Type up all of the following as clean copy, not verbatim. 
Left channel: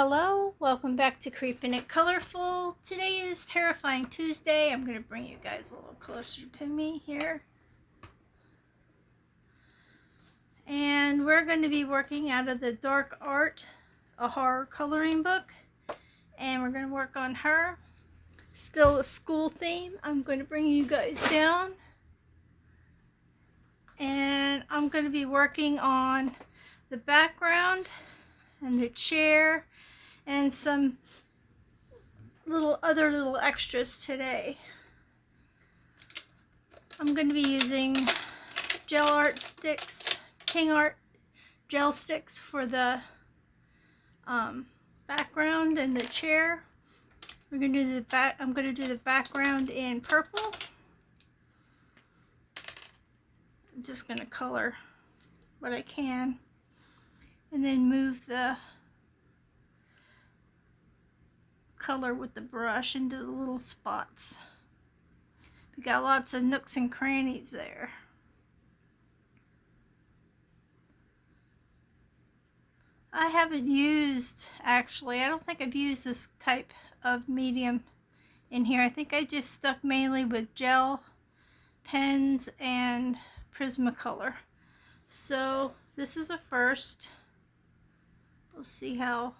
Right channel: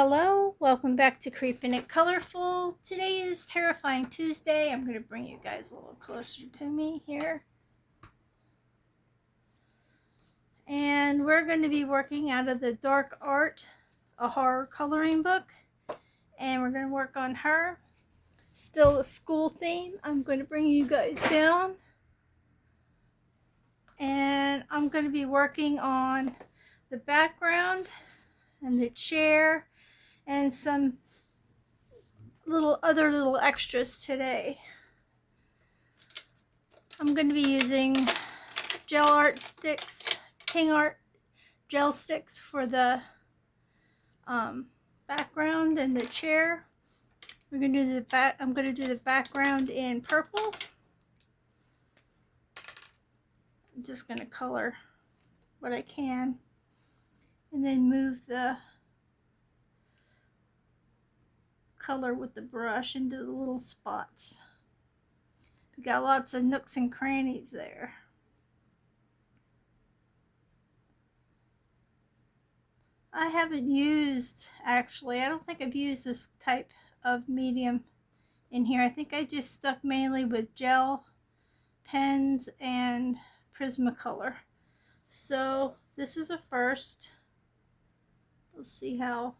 Hello, welcome back to Creepin' It Colorful. Today is Terrifying Tuesday. I'm going to bring you guys a little closer to me here. And we're going to be working out of the Dark Art, a horror coloring book. And we're going to work on her. Still a school theme. I'm going to bring you guys down. And I'm going to be working on the background and the chair and some other little extras today. I'm going to be using gel art sticks, King Art gel sticks for the background and the chair. We're going to do I'm going to do the background in purple. I'm just going to color what I can and then move the color with the brush into the little spots. We got lots of nooks and crannies there. I haven't used, actually, I don't think I've used this type of medium in here. I think I just stuck mainly with gel pens and Prismacolor. So this is a first. We'll see how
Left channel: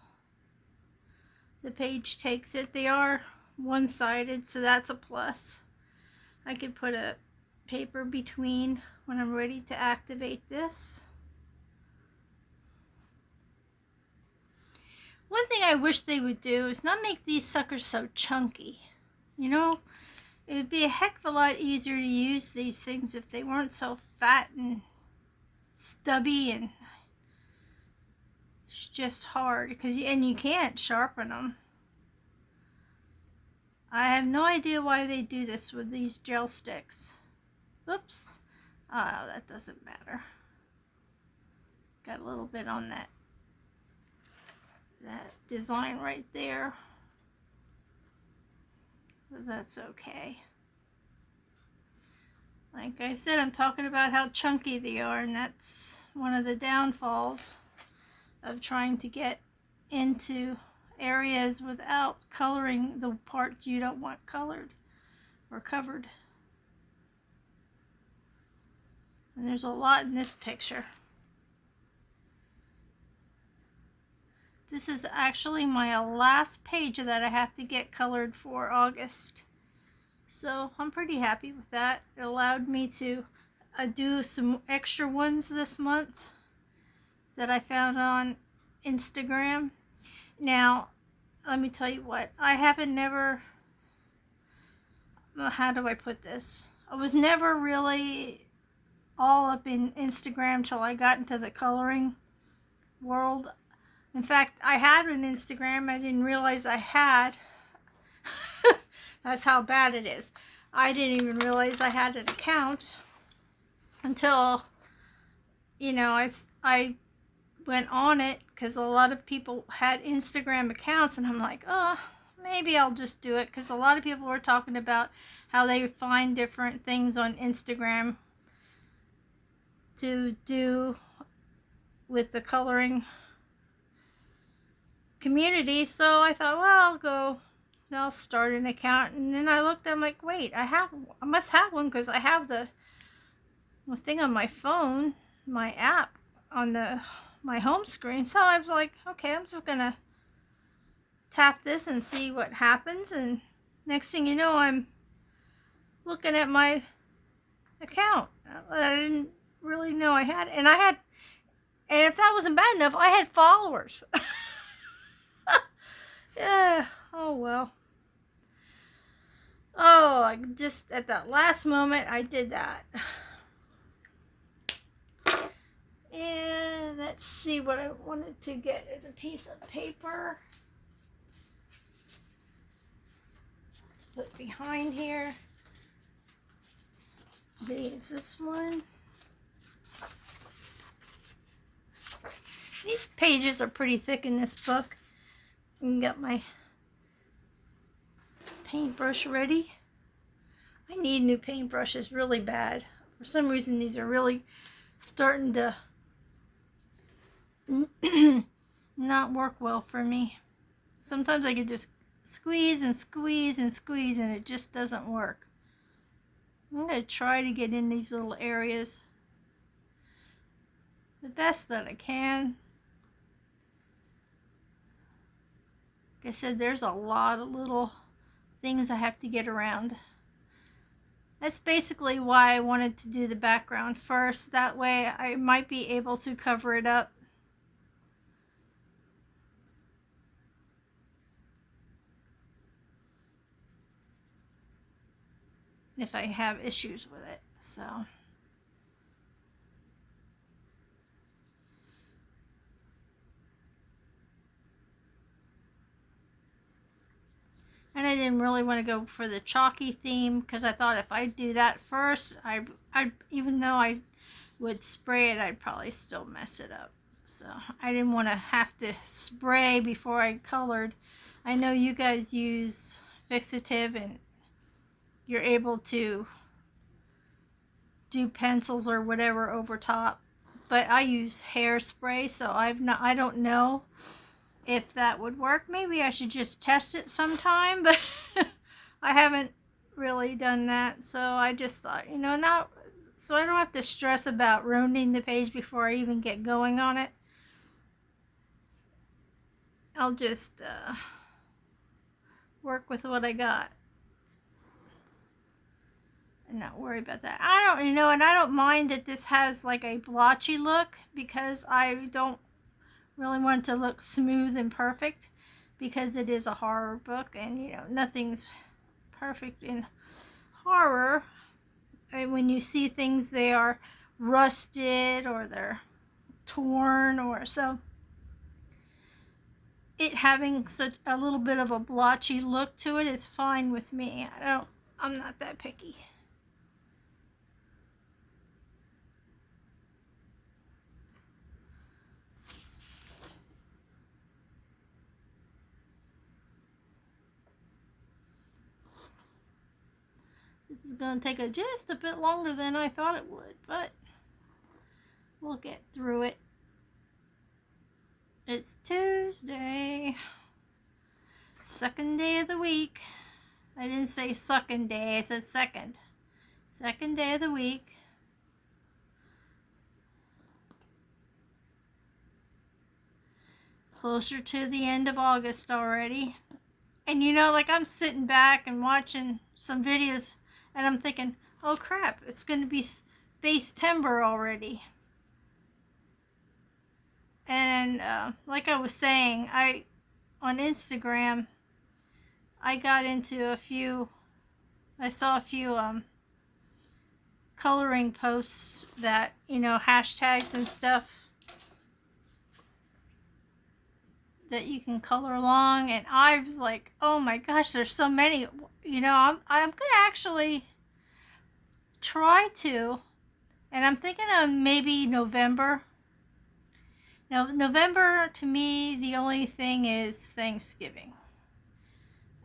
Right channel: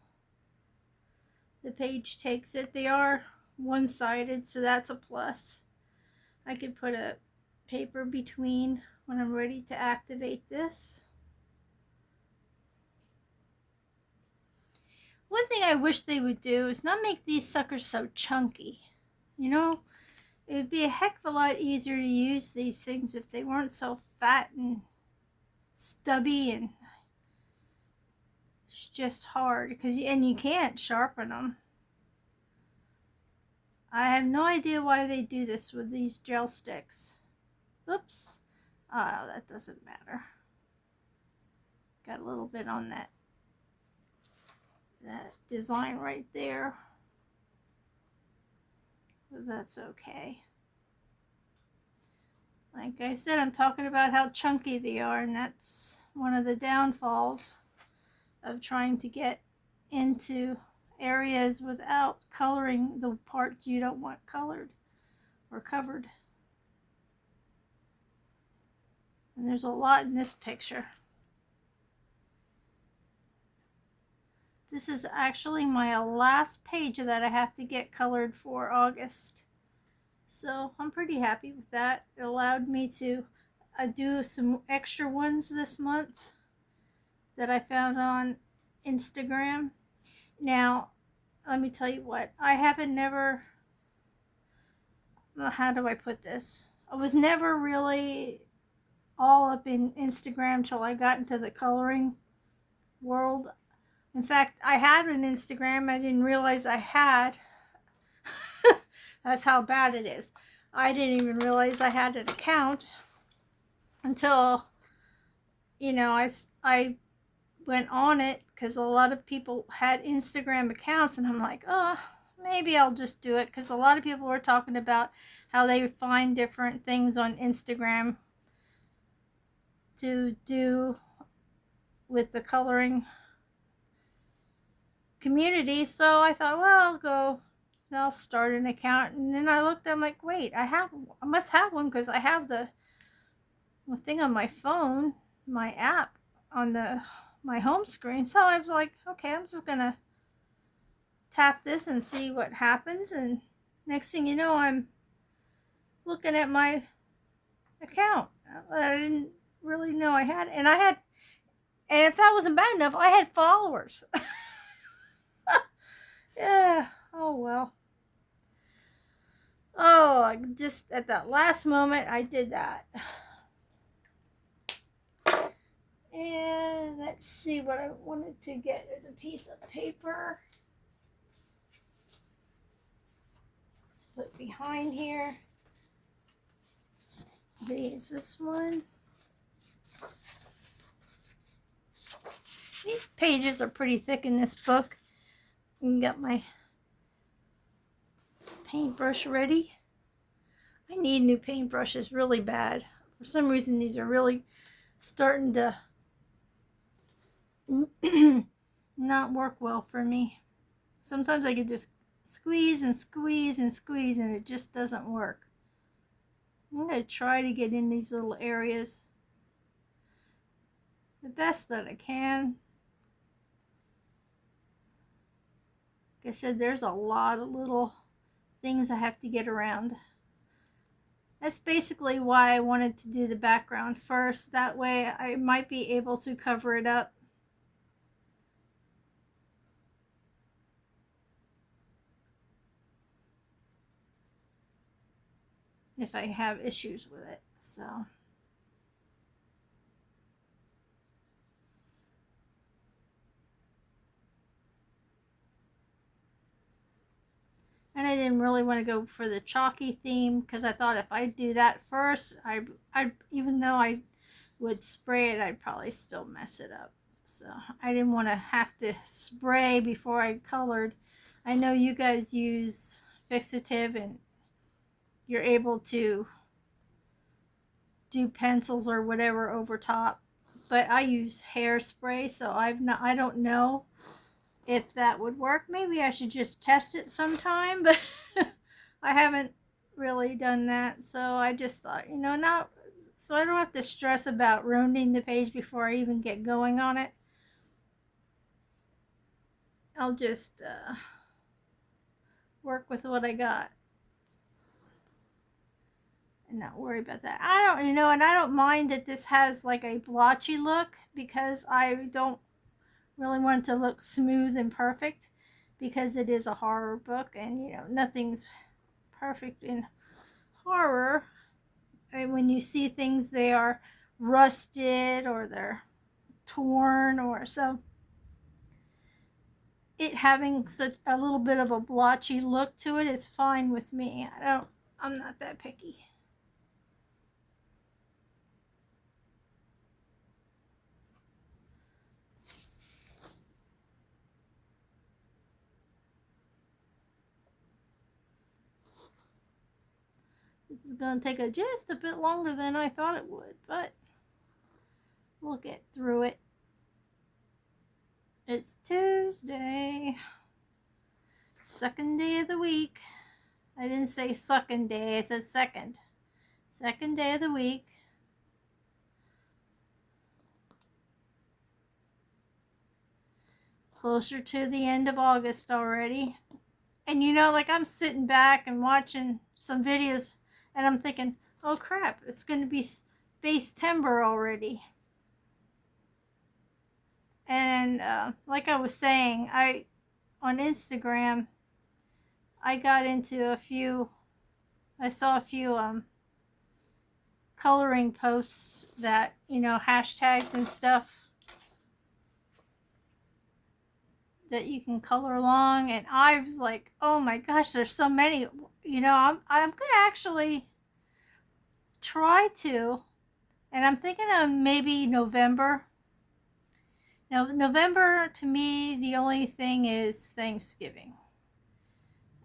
the page takes it. They are one-sided, so that's a plus. I could put a paper between when I'm ready to activate this. One thing I wish they would do is not make these suckers so chunky. You know, it would be a heck of a lot easier to use these things if they weren't so fat and stubby, and it's just hard and you can't sharpen them. I have no idea why they do this with these gel sticks. Oops. Oh, that doesn't matter. Got a little bit on that design right there. But that's okay. Like I said, I'm talking about how chunky they are, and that's one of the downfalls of trying to get into areas without coloring the parts you don't want colored or covered. And there's a lot in this picture. This is actually my last page that I have to get colored for August. So I'm pretty happy with that. It allowed me to do some extra ones this month that I found on Instagram. Now, let me tell you what, how do I put this? I was never really all up in Instagram till I got into the coloring world. In fact, I had an Instagram I didn't realize I had. That's how bad it is. I didn't even realize I had an account until, you know, I went on it because a lot of people had Instagram accounts, and I'm like, oh, maybe I'll just do it, because a lot of people were talking about how they find different things on Instagram to do with the coloring community. So I thought, well, I'll start an account. And then I looked, I'm like, wait, I must have one, because I have the thing on my phone, my app on my home screen. So I was like, okay, I'm just gonna tap this and see what happens. And next thing you know, I'm looking at my account. I didn't really know I had, and if that wasn't bad enough, I had followers. Yeah, oh well. Oh, I just at that last moment I did that. And let's see what I wanted to get as a piece of paper to put behind here. Is this one? These pages are pretty thick in this book. I got my paintbrush ready. I need new paintbrushes really bad. For some reason, these are really starting to not work well for me. sometimes I could just squeeze and squeeze and squeeze and it just doesn't work. I'm going to try to get in these little areas the best that I can. Like I said, there's a lot of little things I have to get around. That's basically why I wanted to do the background first. That way I might be able to cover it up. If I have issues with it. So. And I didn't really want to go for the chalky theme because I thought if I do that first, I even though I would spray it, I'd probably still mess it up. So I didn't want to have to spray before I colored. I know you guys use fixative and you're able to do pencils or whatever over top, but I use hairspray, so I don't know if that would work. Maybe I should just test it sometime, but I haven't really done that. So I just thought, not so I don't have to stress about ruining the page before I even get going on it. I'll just work with what I got and not worry about that. And I don't mind that this has like a blotchy look because I don't really want it to look smooth and perfect because it is a horror book and nothing's perfect in horror. And when you see things, they are rusted or they're torn or so. It having such a little bit of a blotchy look to it is fine with me. I'm not that picky. This is going to take just a bit longer than I thought it would, but we'll get through it. It's Tuesday, second day of the week. I didn't say second day, I said second. Second day of the week. Closer to the end of August already. And like I'm sitting back and watching some videos and I'm thinking, oh crap, it's going to be base timber already. And like I was saying, on Instagram, I saw a few coloring posts that, hashtags and stuff that you can color along, and I was like, oh my gosh, there's so many. I'm gonna actually try to, and I'm thinking of maybe November. Now, November to me, the only thing is Thanksgiving,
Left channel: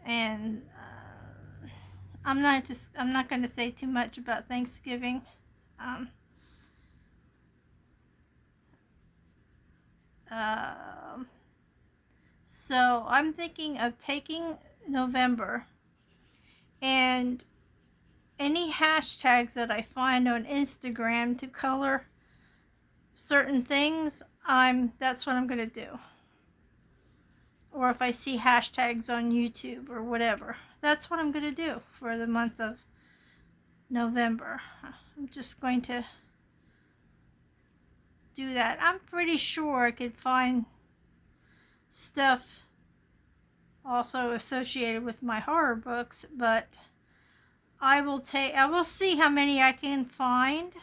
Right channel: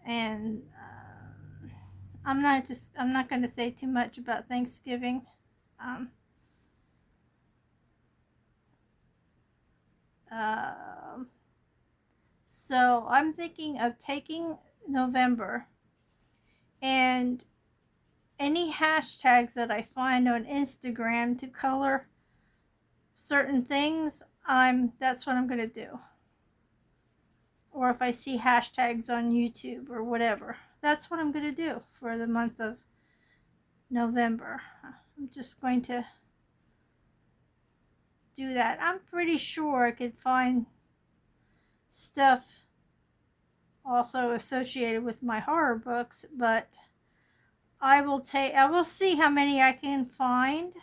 and I'm not going to say too much about Thanksgiving. So I'm thinking of taking November and any hashtags that I find on Instagram to color certain things, that's what I'm going to do. Or if I see hashtags on YouTube or whatever, that's what I'm going to do for the month of November. I'm just going to do that. I'm pretty sure I could find stuff also associated with my horror books, but I will see how many I can find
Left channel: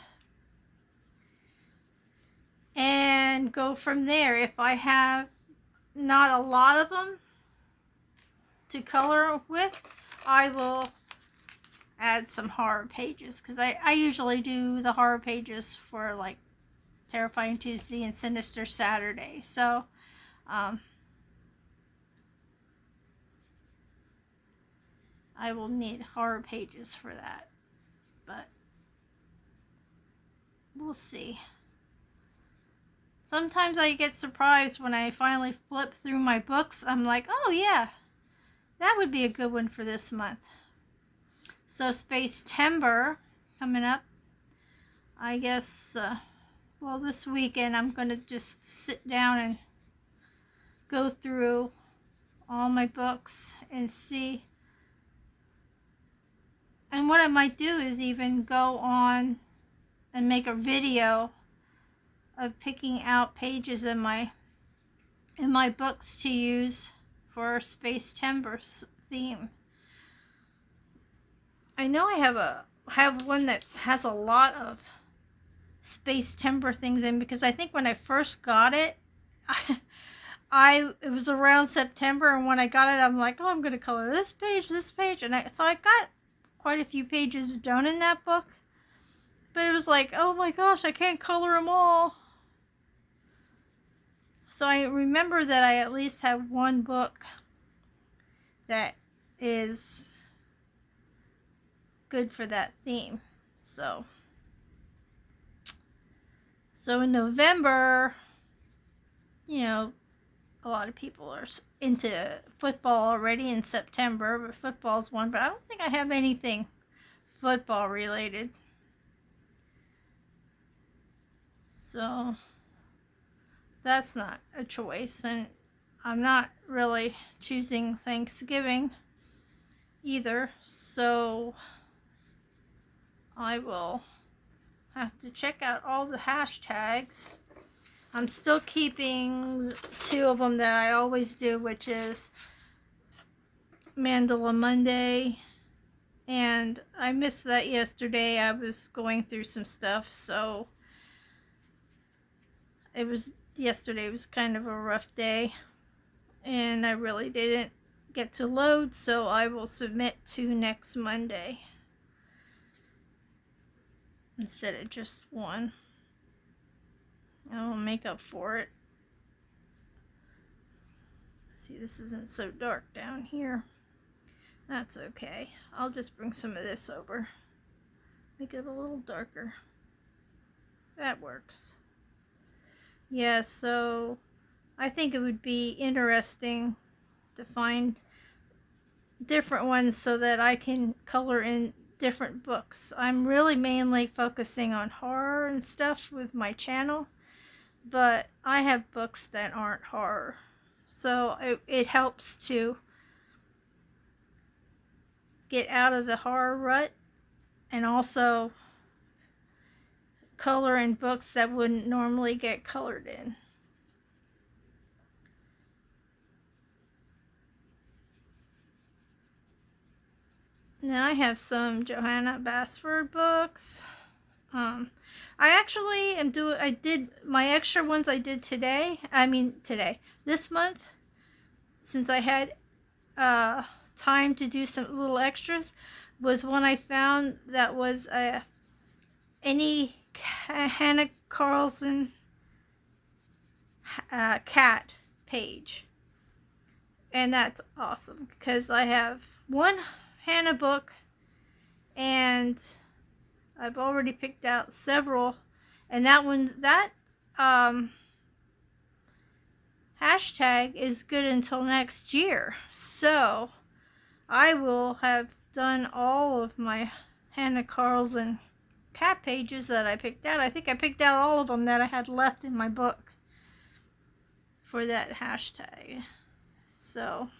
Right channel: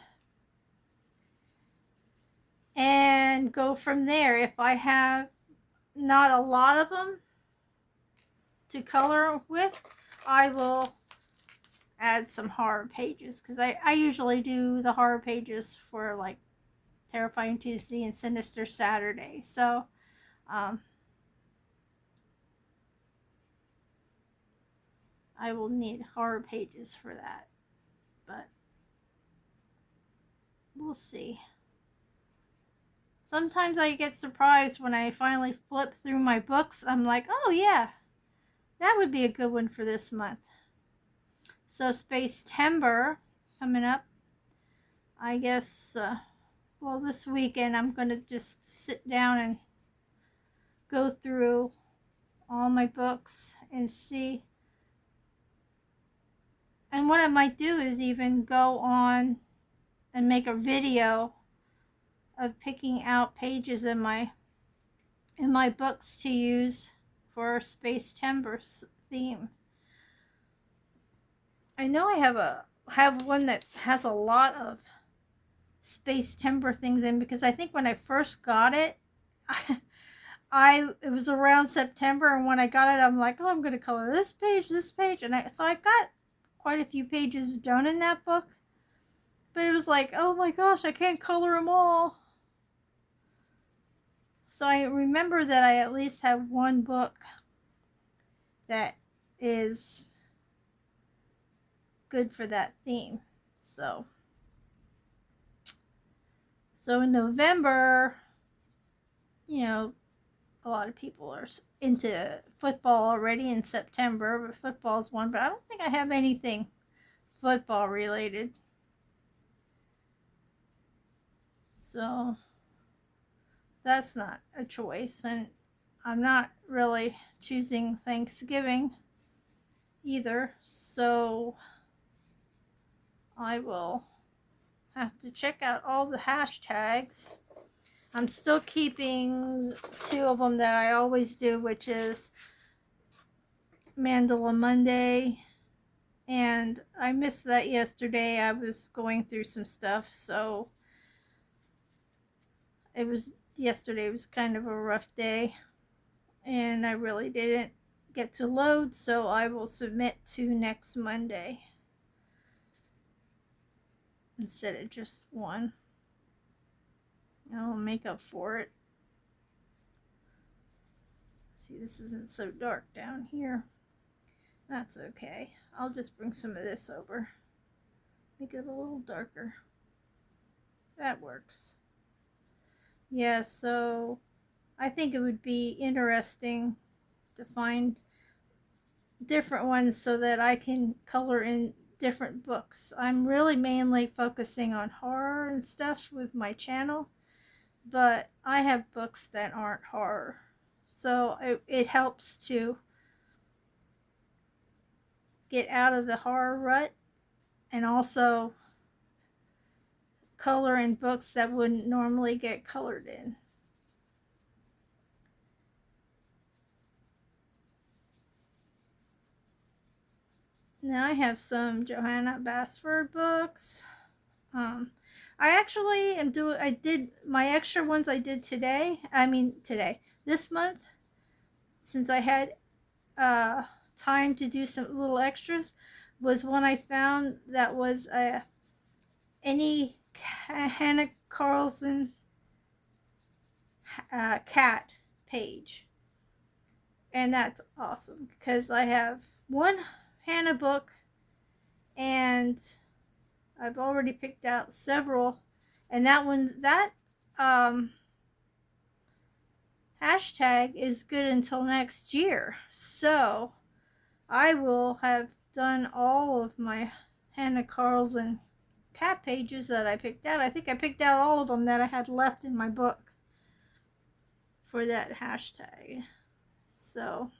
and go from there. If I have not a lot of them to color with, I will add some horror pages because I usually do the horror pages for like Terrifying Tuesday and Sinister Saturday. So I will need horror pages for that, but we'll see. sometimes I get surprised when I finally flip through my books. I'm like, oh yeah, that would be a good one for this month. So Space Timber coming up. I guess, well, this weekend I'm going to just sit down and go through all my books and see. And what I might do is even go on and make a video of picking out pages in my books to use for Space Timber theme. I know I have one that has a lot of Space Timber things in, because I think when I first got it, it was around September, and when I got it, I'm like, oh, I'm going to color this page, and so I got quite a few pages done in that book, but it was like, oh my gosh, I can't color them all. So I remember that I at least have one book that is good for that theme. So in November, you know, a lot of people are into football already in September, but football's one, but I don't think I have anything football related. So that's not a choice, and I'm not really choosing Thanksgiving either, so I will have to check out all the hashtags. I'm still keeping 2 of them that I always do, which is Mandala Monday, and I missed that yesterday. I was going through some stuff, so yesterday was kind of a rough day, and I really didn't get to load, so I will submit to next Monday instead of just one. I'll make up for it. See, this isn't so dark down here. That's okay. I'll just bring some of this over. Make it a little darker. That works. Yeah, so I think it would be interesting to find different ones so that I can color in different books. I'm really mainly focusing on horror and stuff with my channel, but I have books that aren't horror. So it helps to get out of the horror rut and also color in books that wouldn't normally get colored in. Now I have some Johanna Basford books. I actually I did my extra ones I did this month, since I had time to do some little extras, was one I found that was any Hannah Carlson cat page, and that's awesome because I have one Hannah book and I've already picked out several, and that hashtag is good until next year, so I will have done all of my Hannah Carlson cat pages that I picked out. I think I picked out all of them that I had left in my book for that hashtag, so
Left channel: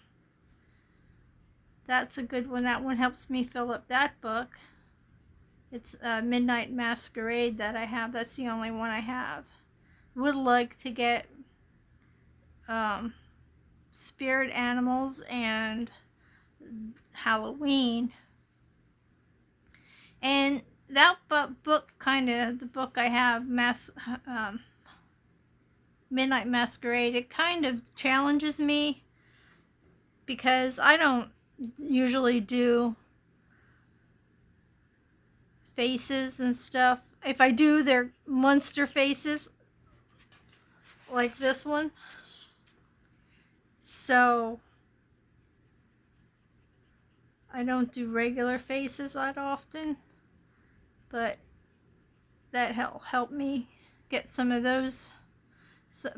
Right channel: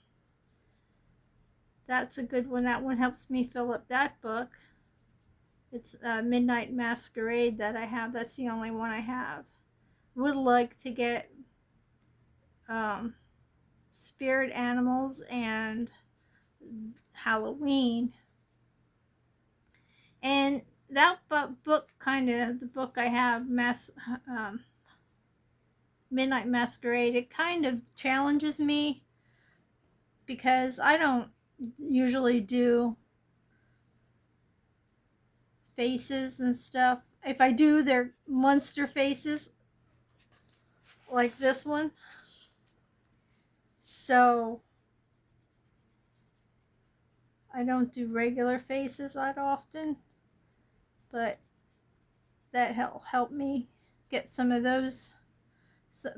that's a good one. That one helps me fill up that book. It's Midnight Masquerade that I have. That's the only one I have. Would like to get Spirit Animals and Halloween. And that book, kind of the book I have, Midnight Masquerade, it kind of challenges me because I don't usually do faces and stuff. If I do, they're monster faces like this one. So I don't do regular faces that often, but that help me get some of those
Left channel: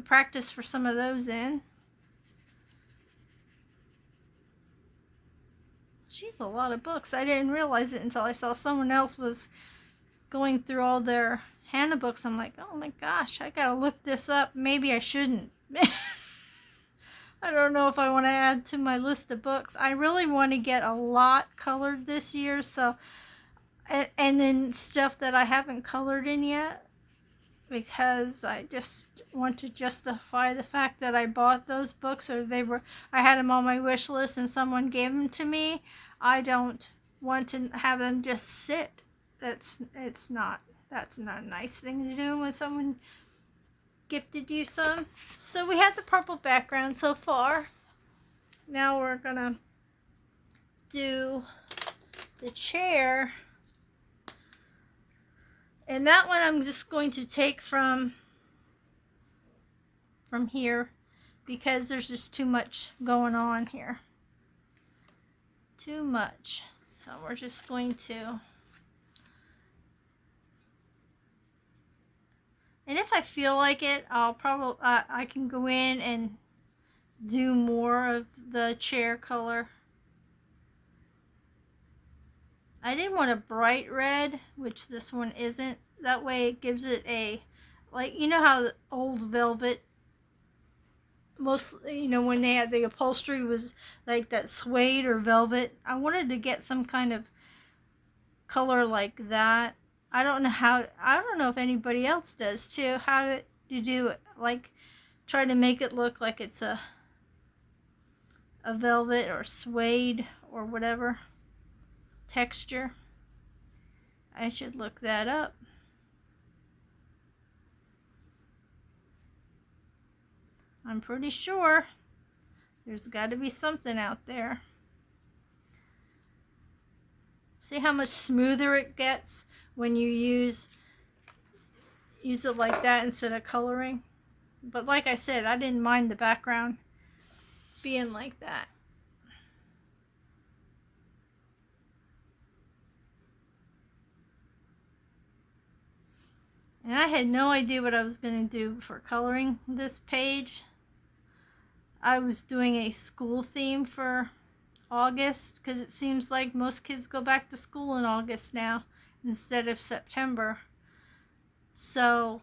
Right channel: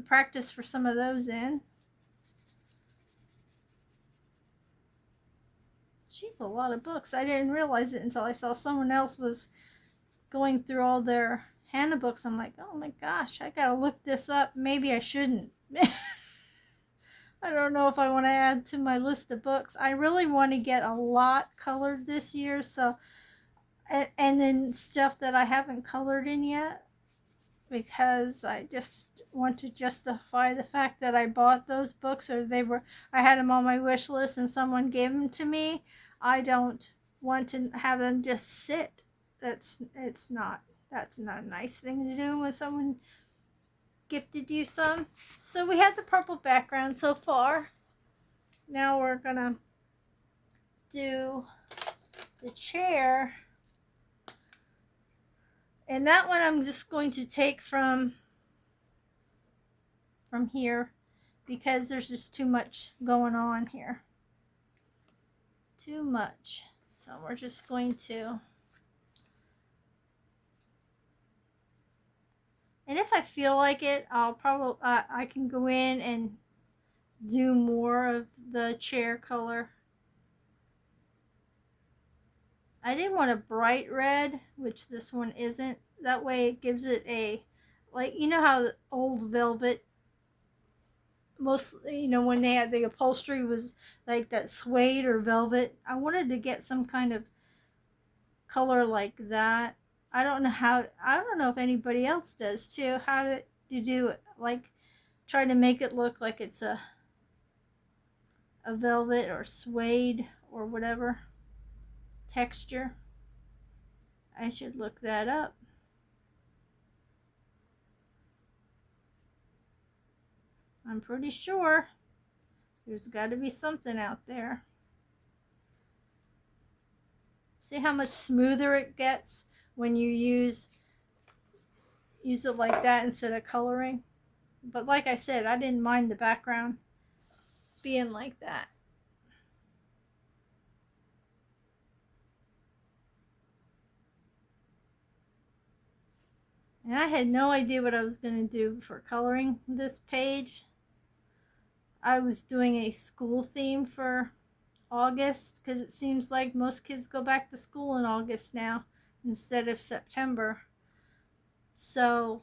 practice for some of those in. She's a lot of books. I didn't realize it until I saw someone else was going through all their Hannah books. I'm like, oh my gosh, I gotta look this up. Maybe I shouldn't. I don't know if I want to add to my list of books. I really want to get a lot colored this year, so and then stuff that I haven't colored in yet, because I just want to justify the fact that I bought those books, or I had them on my wish list and someone gave them to me. I don't want to have them just sit. That's not a nice thing to do when someone gifted you some. So we had the purple background so far. Now we're gonna do the chair, and that one I'm just going to take from here, because there's just too much going on here. Too much. So we're just going to, and if I feel like it, I'll probably I can go in and do more of the chair color. I didn't want a bright red, which this one isn't. That way it gives it a, like, you know how the old velvet, most, you know, when they had the upholstery was like that suede or velvet. I wanted to get some kind of color like that. I don't know if anybody else does too, how to do it, like try to make it look like it's a velvet or suede or whatever texture. I should look that up. I'm pretty sure there's got to be something out there. See how much smoother it gets when you use it like that instead of coloring? But like I said, I didn't mind the background being like that. And I had no idea what I was going to do for coloring this page. I was doing a school theme for August, because it seems like most kids go back to school in August now instead of September. So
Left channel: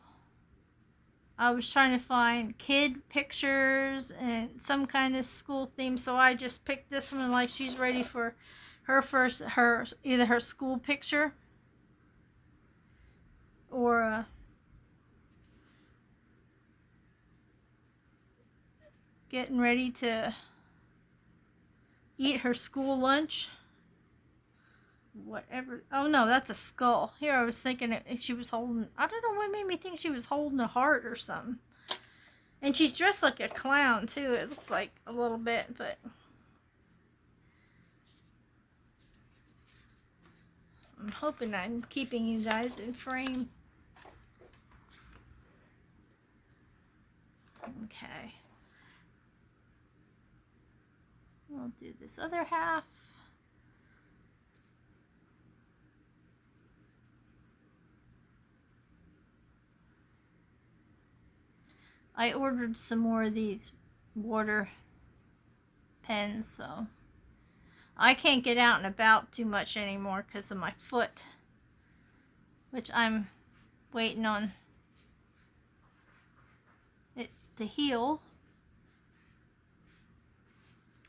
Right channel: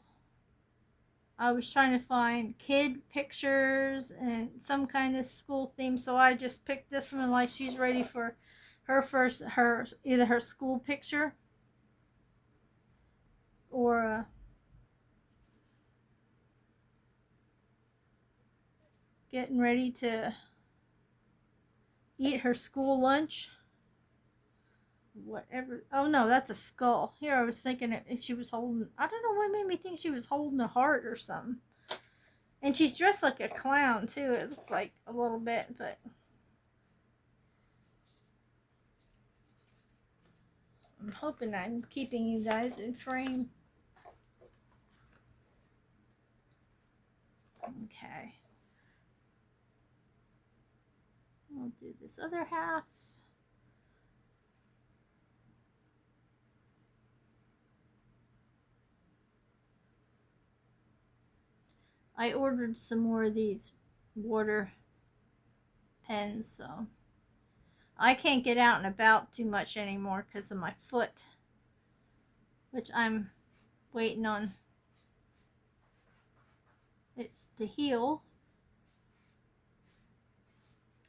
I was trying to find kid pictures and some kind of school theme, so I just picked this one, like she's ready for either her school picture or getting ready to eat her school lunch. Whatever. Oh no, that's a skull. Here, I was thinking she was holding, I don't know what made me think she was holding a heart or something. And she's dressed like a clown too, it looks like a little bit, but I'm hoping I'm keeping you guys in frame. Okay. We'll do this other half. I ordered some more of these water pens, so I can't get out and about too much anymore because of my foot, which I'm waiting on it to heal.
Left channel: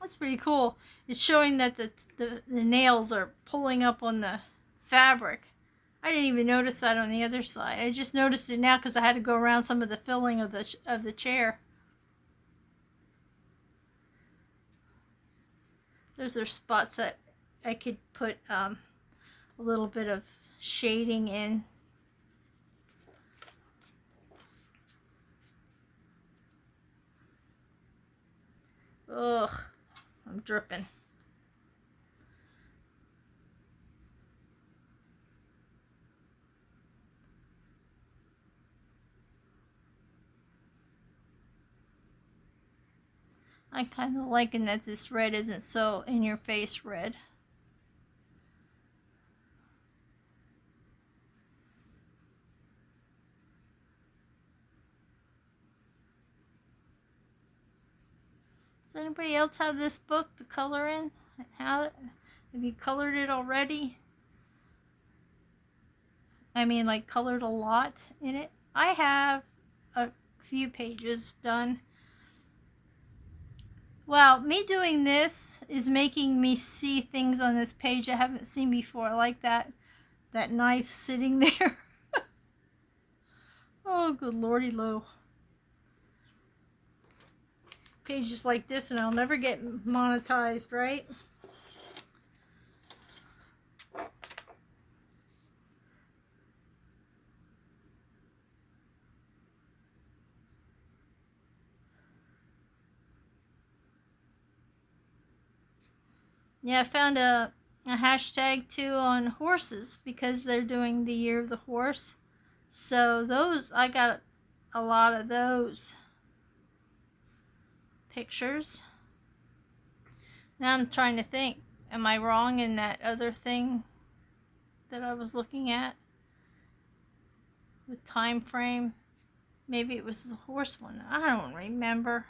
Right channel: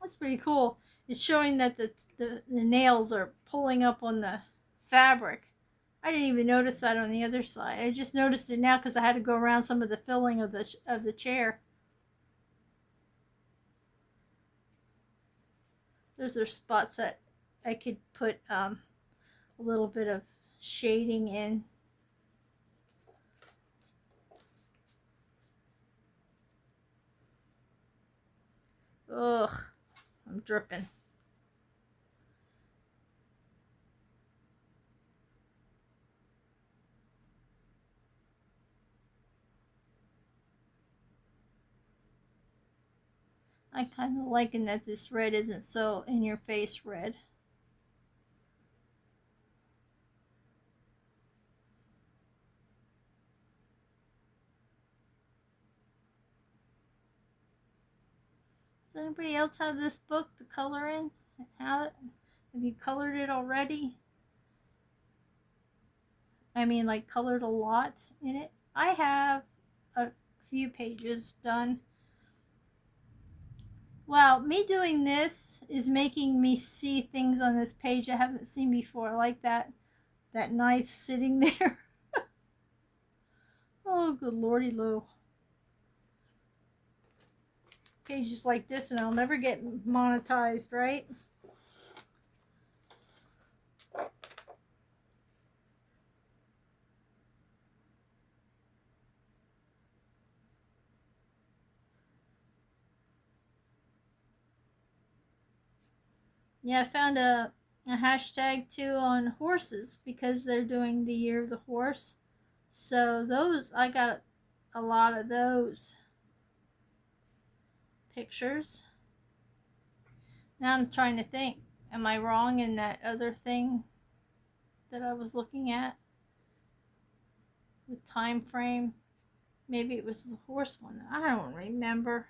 That's pretty cool. It's showing that the nails are pulling up on the fabric. I didn't even notice that on the other side. I just noticed it now because I had to go around some of the filling of the chair. Those are spots that I could put a little bit of shading in. Ugh, I'm dripping. I'm kind of liking that this red isn't so in your face red. Does anybody else have this book to color in? Have you colored it already? I mean, like, colored a lot in it? I have a few pages done. Well, me doing this is making me see things on this page I haven't seen before, like that knife sitting there. Oh, good lordy loo. Pages like this and I'll never get monetized, right? Yeah, I found a hashtag too on horses because they're doing the year of the horse. So those, I got a lot of those pictures. Now I'm trying to think, am I wrong in that other thing that I was looking at with time frame? Maybe it was the horse one. I don't remember.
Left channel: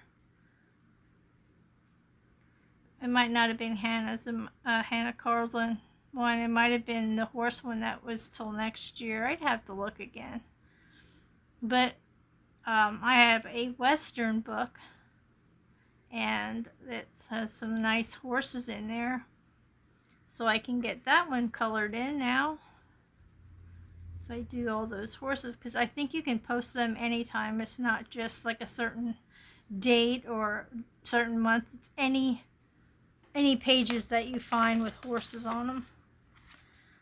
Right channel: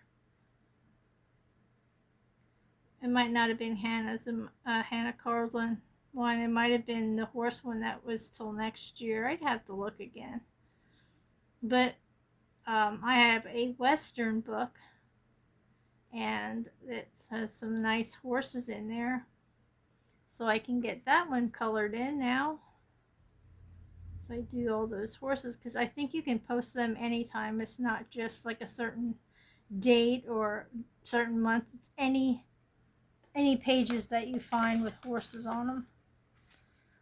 It might not have been Hannah's, Hannah Carlson one. It might have been the horse one that was till next year. I'd have to look again. But I have a Western book, and it has some nice horses in there. So I can get that one colored in now. If I do all those horses, because I think you can post them anytime. It's not just like a certain date or certain month. It's any pages that you find with horses on them.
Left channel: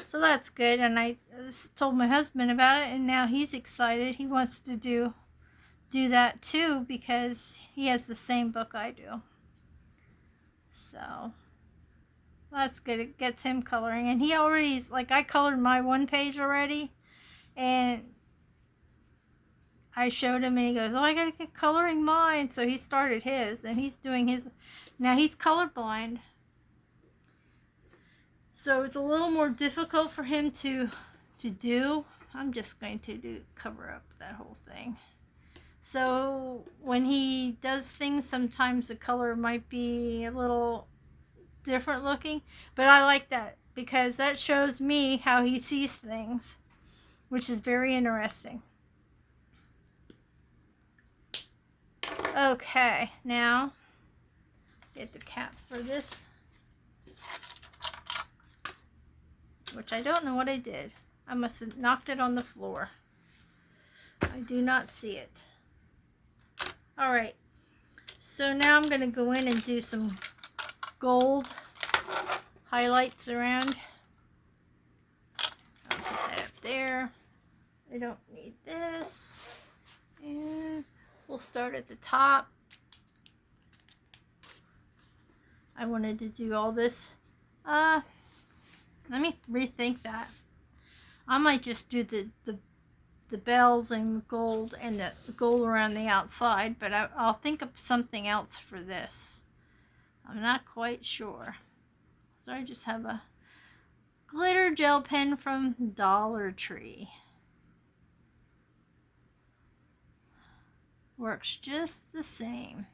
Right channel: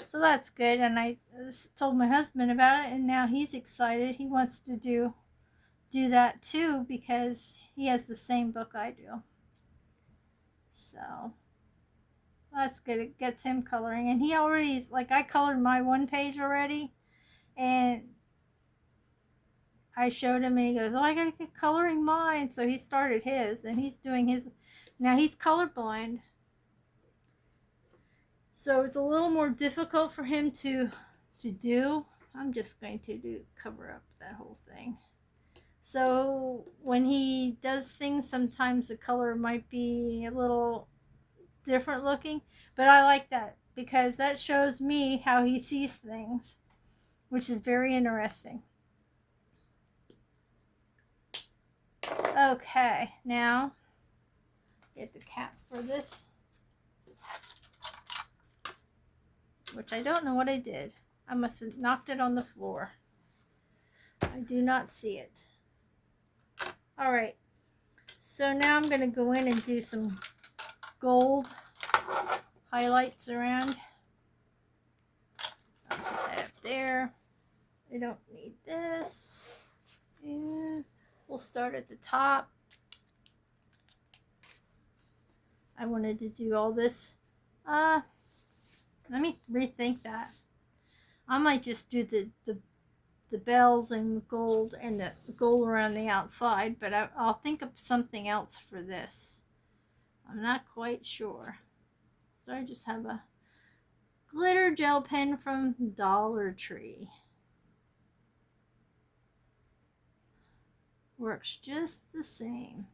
So that's good. And I told my husband about it, and now he's excited. He wants to do that too because he has the same book I do. So that's good. It gets him coloring, and he already's like, I colored my one page already, and I showed him, and he goes, "Oh, I gotta get coloring mine." So he started his, and he's doing his. Now he's colorblind, so it's a little more difficult for him to do. I'm just going to cover up that whole thing. So when he does things, sometimes the color might be a little different looking, but I like that because that shows me how he sees things, which is very interesting. Okay, now get the cap for this, which I don't know what I did. I must have knocked it on the floor. I do not see it. All right, so now I'm going to go in and do some gold highlights around. I'll put that up there. We don't need this. And we'll start at the top. I wanted to do all this. Let me rethink that. I might just do the bells and gold and the gold around the outside, but I'll think of something else for this. I'm not quite sure. So I just have a glitter gel pen from Dollar Tree. Works just the same.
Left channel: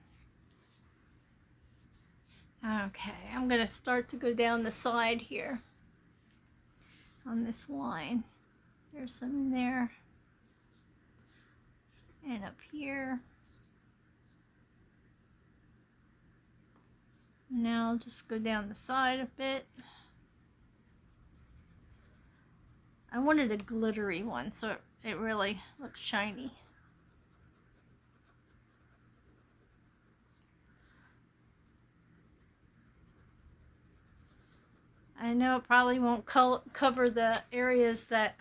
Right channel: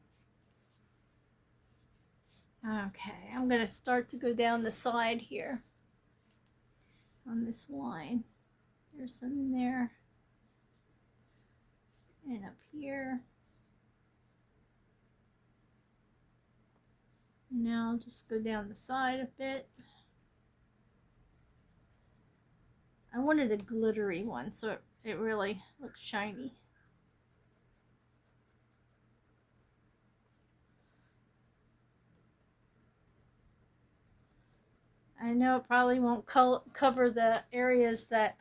Okay, I'm going to start to go down the side here on this line. There's some in there. And up here. Now I'll just go down the side a bit. I wanted a glittery one so it really looks shiny. I know it probably won't cover the areas that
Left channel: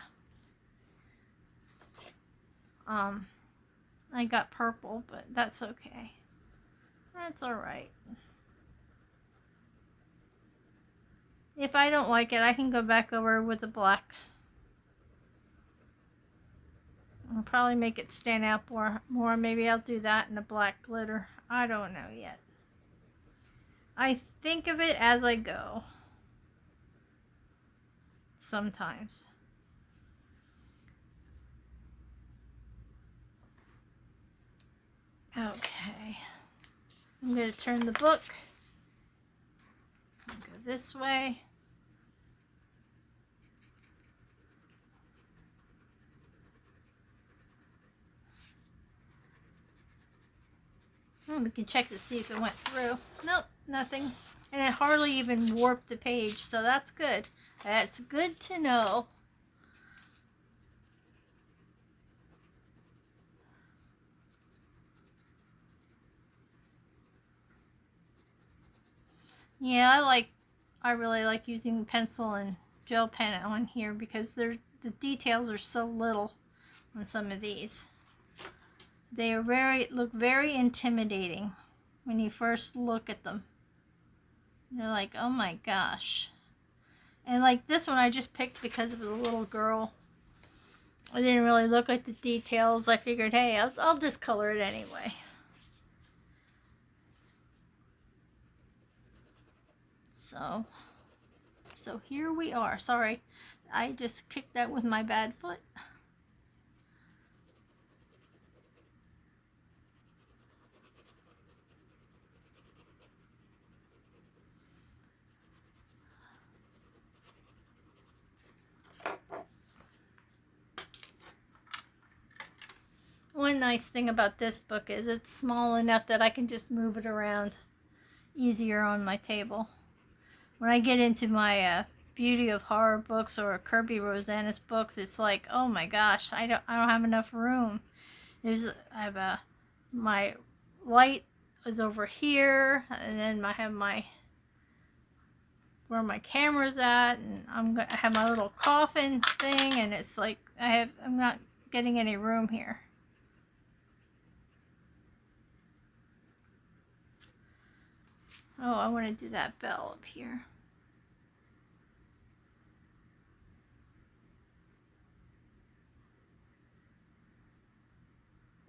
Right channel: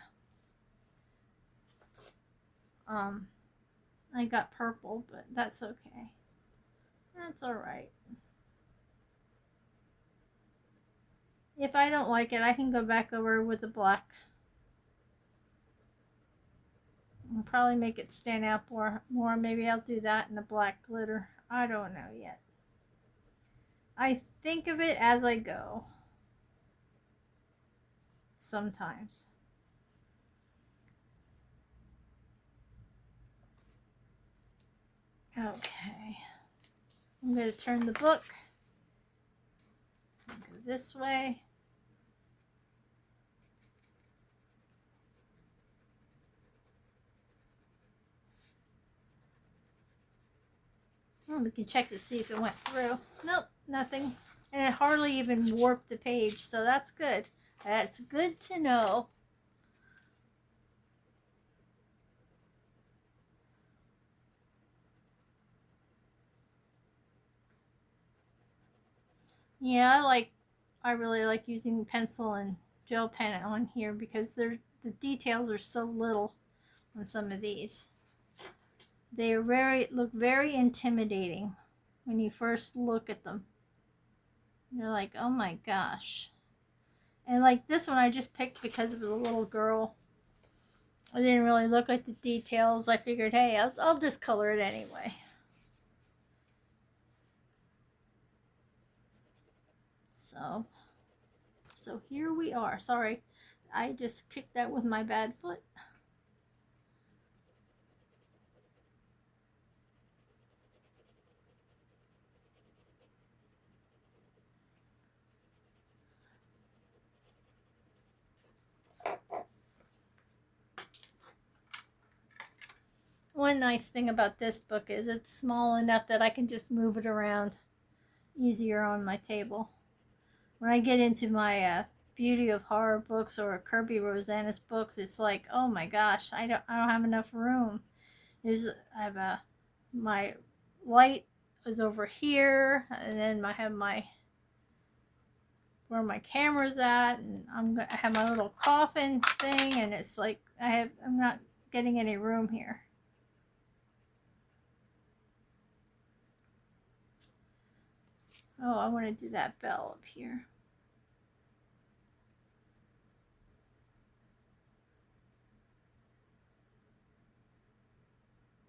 I got purple, but that's okay. That's alright. If I don't like it, I can go back over with the black. I'll probably make it stand out more. Maybe I'll do that in a black glitter. I don't know yet. I think of it as I go. Sometimes. Okay. I'm going to turn the book. Go this way. We can check to see if it went through. Nope, nothing. And it hardly even warped the page, so that's good. That's good to know. Yeah, I really like using pencil and gel pen on here because the details are so little on some of these. They are look very intimidating when you first look at them. You're like, oh my gosh. And like this one I just picked because of the little girl. I didn't really look at the details. I figured, hey, I'll just color it anyway. So here we are. Sorry, I just kicked that with my bad foot. One nice thing about this book is it's small enough that I can just move it around easier on my table. When I get into my Beauty of Horror books or Kirby Rosanna's books, it's like, oh my gosh, I don't have enough room. My light is over here, and then I have where my camera's at, and I have my little coffin thing, and it's like I'm not getting any room here. Oh, I want to do that bell up here.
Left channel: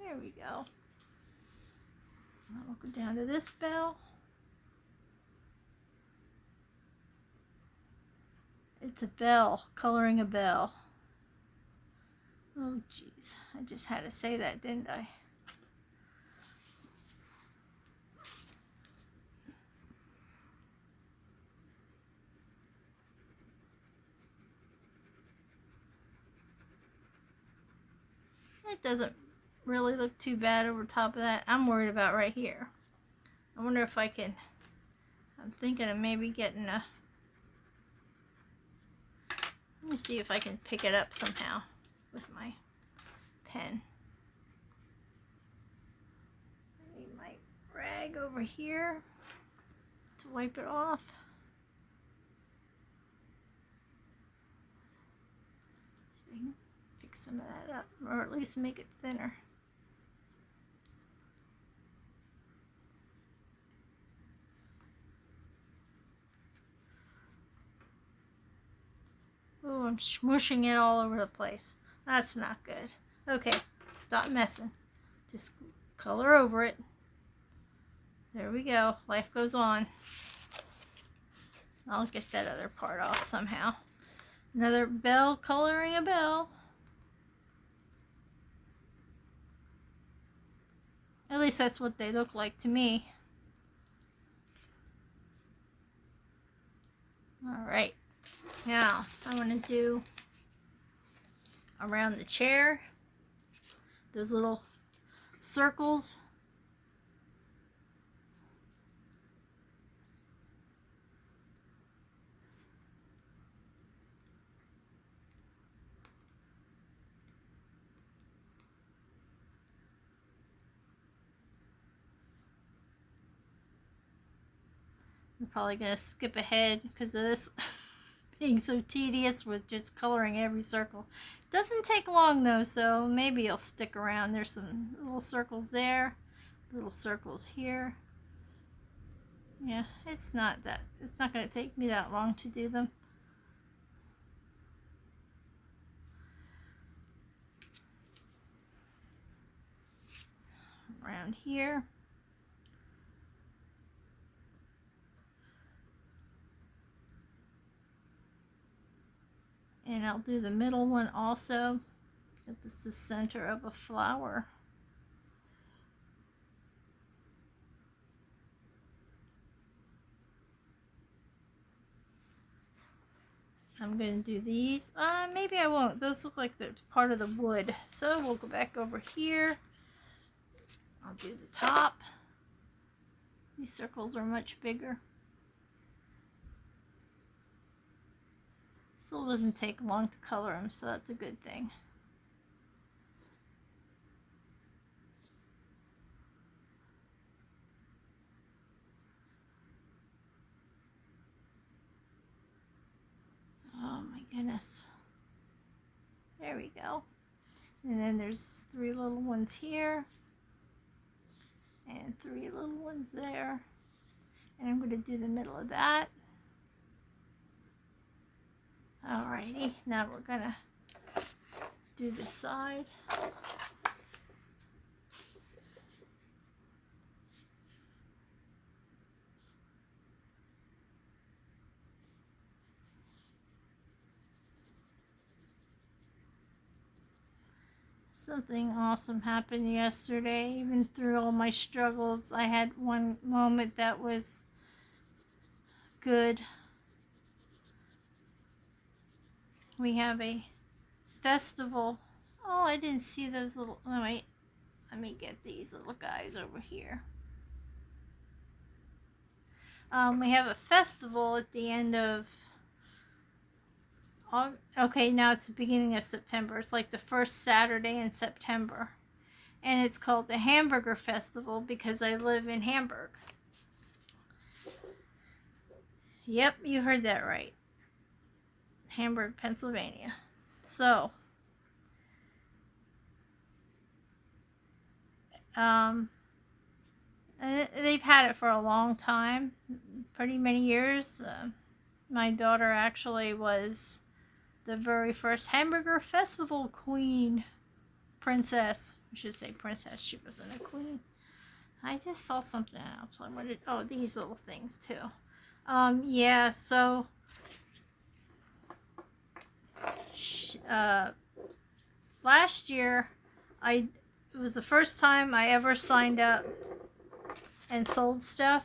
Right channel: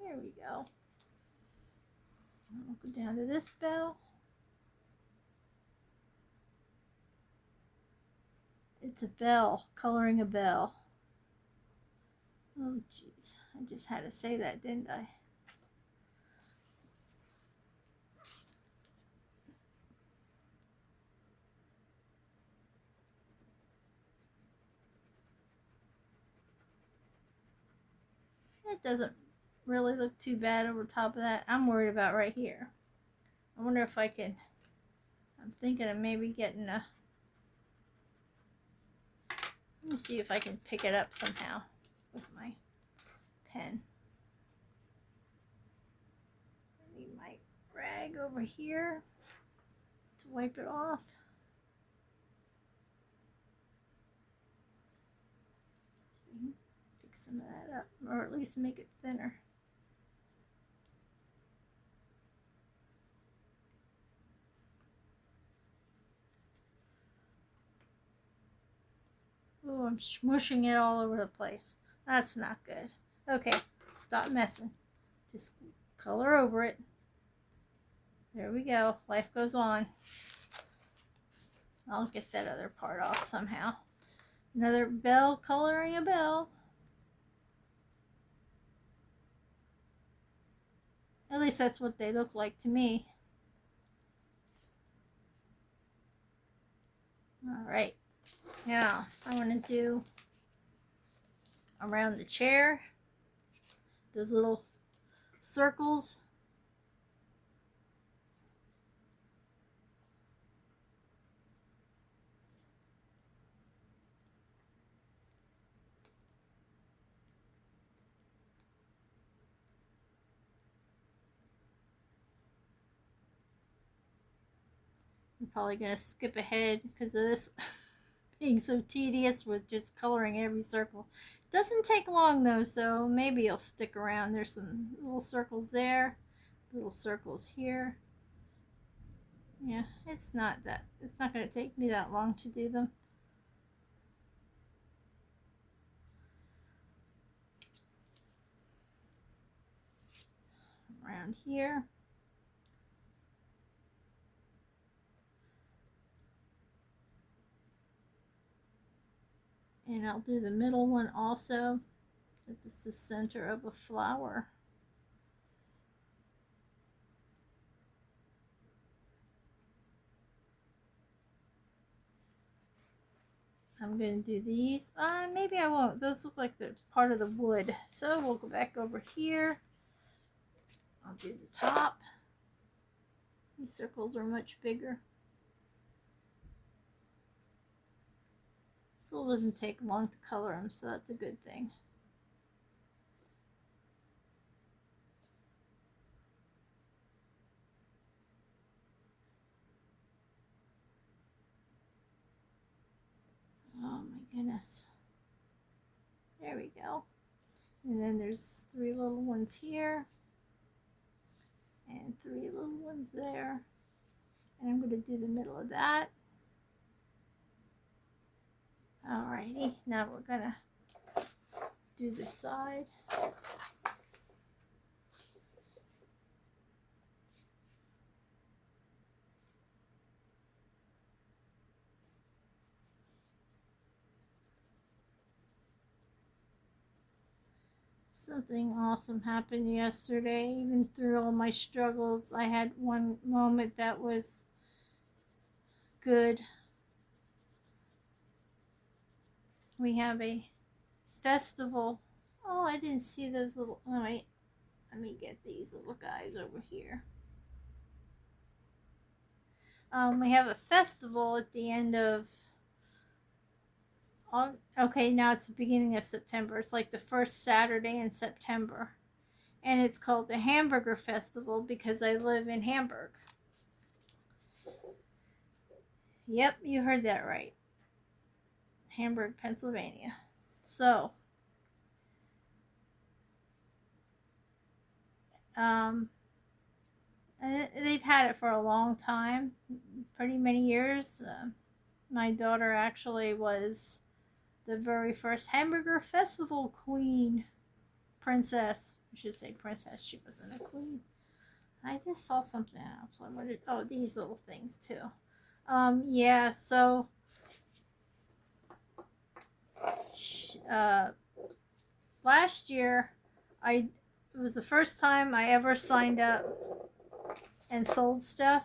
There we go. I'll go down to this bell. It's a bell, coloring a bell. Oh, jeez. I just had to say that, didn't I? It doesn't really look too bad over top of that. I'm worried about right here. I wonder if I can... I'm thinking of maybe getting a... Let me see if I can pick it up somehow with my pen. Maybe my rag over here to wipe it off. See if I can pick some of that up, or at least make it thinner. Oh, I'm smushing it all over the place. That's not good. Okay, stop messing. Just color over it. There we go. Life goes on. I'll get that other part off somehow. Another bell, coloring a bell. At least that's what they look like to me. Alright. Now, I want to do around the chair. Those little circles. I'm probably going to skip ahead because of this being so tedious with just coloring every circle. Doesn't take long though, so maybe you'll stick around. There's some little circles there, little circles here. Yeah, it's not going to take me that long to do them. Around here. And I'll do the middle one also. It's the center of a flower. I'm going to do these. Maybe I won't. Those look like they're part of the wood. So we'll go back over here. I'll do the top. These circles are much bigger. Still doesn't take long to color them, so that's a good thing. Oh my goodness. There we go. And then there's 3 little ones here. And 3 little ones there. And I'm going to do the middle of that. Alrighty, now we're going to do this side. Something awesome happened yesterday. Even through all my struggles, I had one moment that was good. We have a festival. Oh, I didn't see those little... Oh, wait. Let me get these little guys over here. We have a festival at the end of... Okay, now it's the beginning of September. It's like the first Saturday in September. And it's called the Hamburger Festival because I live in Hamburg. Yep, you heard that right. Hamburg, Pennsylvania. So, they've had it for a long time, pretty many years. My daughter actually was the very first Hamburger Festival queen, princess. I should say princess. She wasn't a queen. I just saw something else. I wanted, oh, these little things too. Yeah. So, last year, it was the first time I ever signed up and sold stuff.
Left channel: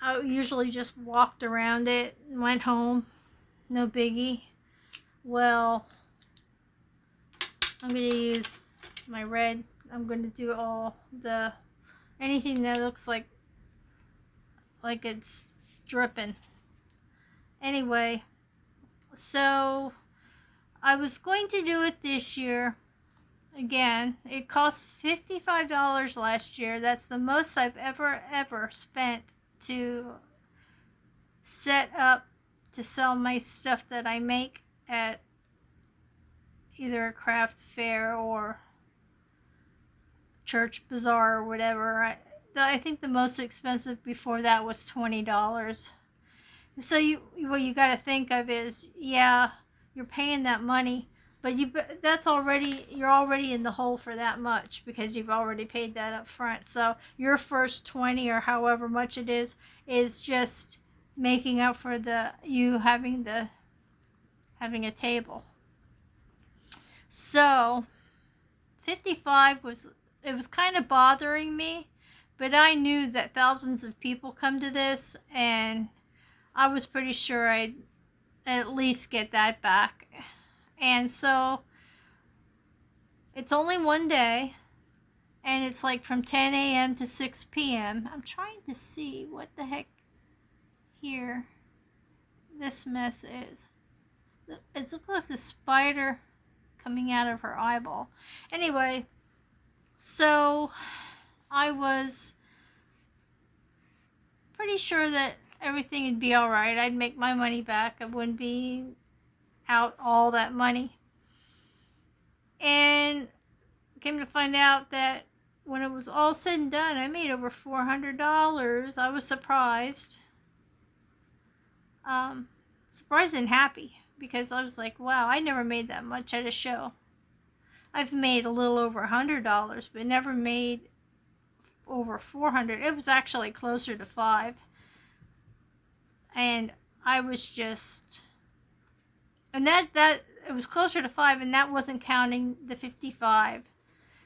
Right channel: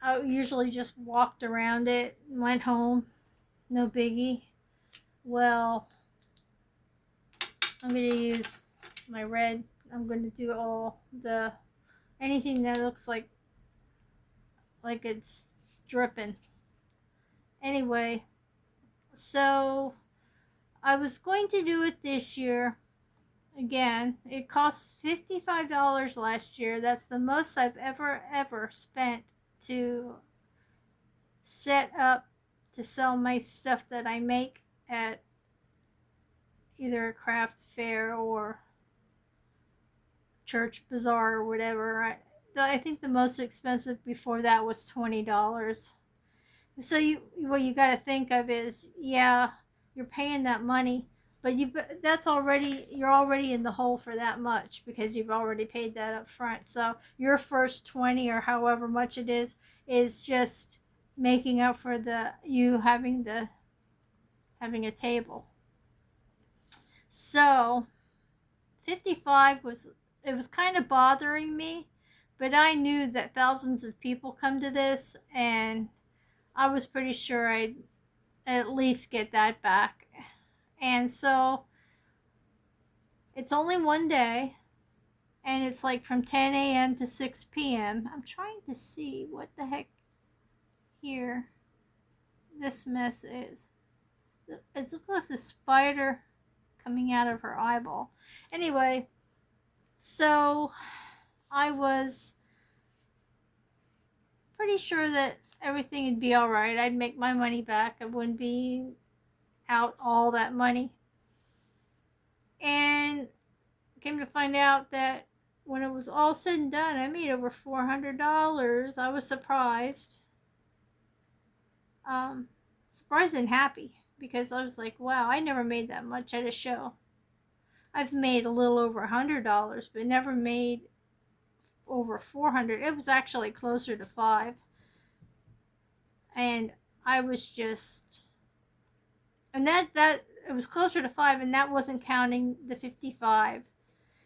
I usually just walked around it and went home. No biggie. Well, I'm going to use my red. I'm going to do anything that looks like it's dripping. Anyway, so I was going to do it this year. Again, it cost $55 last year. That's the most I've ever spent to set up to sell my stuff that I make at either a craft fair or church bazaar or whatever. I think the most expensive before that was $20. So what you got to think of is, yeah, you're paying that money, but you're already in the hole for that much because you've already paid that up front. So your first 20 or however much it is just making up for you having a table. So 55 was kind of bothering me, but I knew that thousands of people come to this, and I was pretty sure I'd at least get that back. And so it's only one day, and it's like from 10 a.m. to 6 p.m. I'm trying to see what the heck here this mess is. It looks like a spider coming out of her eyeball. Anyway, so I was pretty sure that everything would be all right. I'd make my money back. I wouldn't be out all that money. And came to find out that when it was all said and done, I made over $400. I was surprised. Surprised and happy because I was like, wow, I never made that much at a show. I've made a little over $100, but never made over $400. It was actually closer to $5. And I was just, and that it was closer to $5, and that wasn't counting the 55.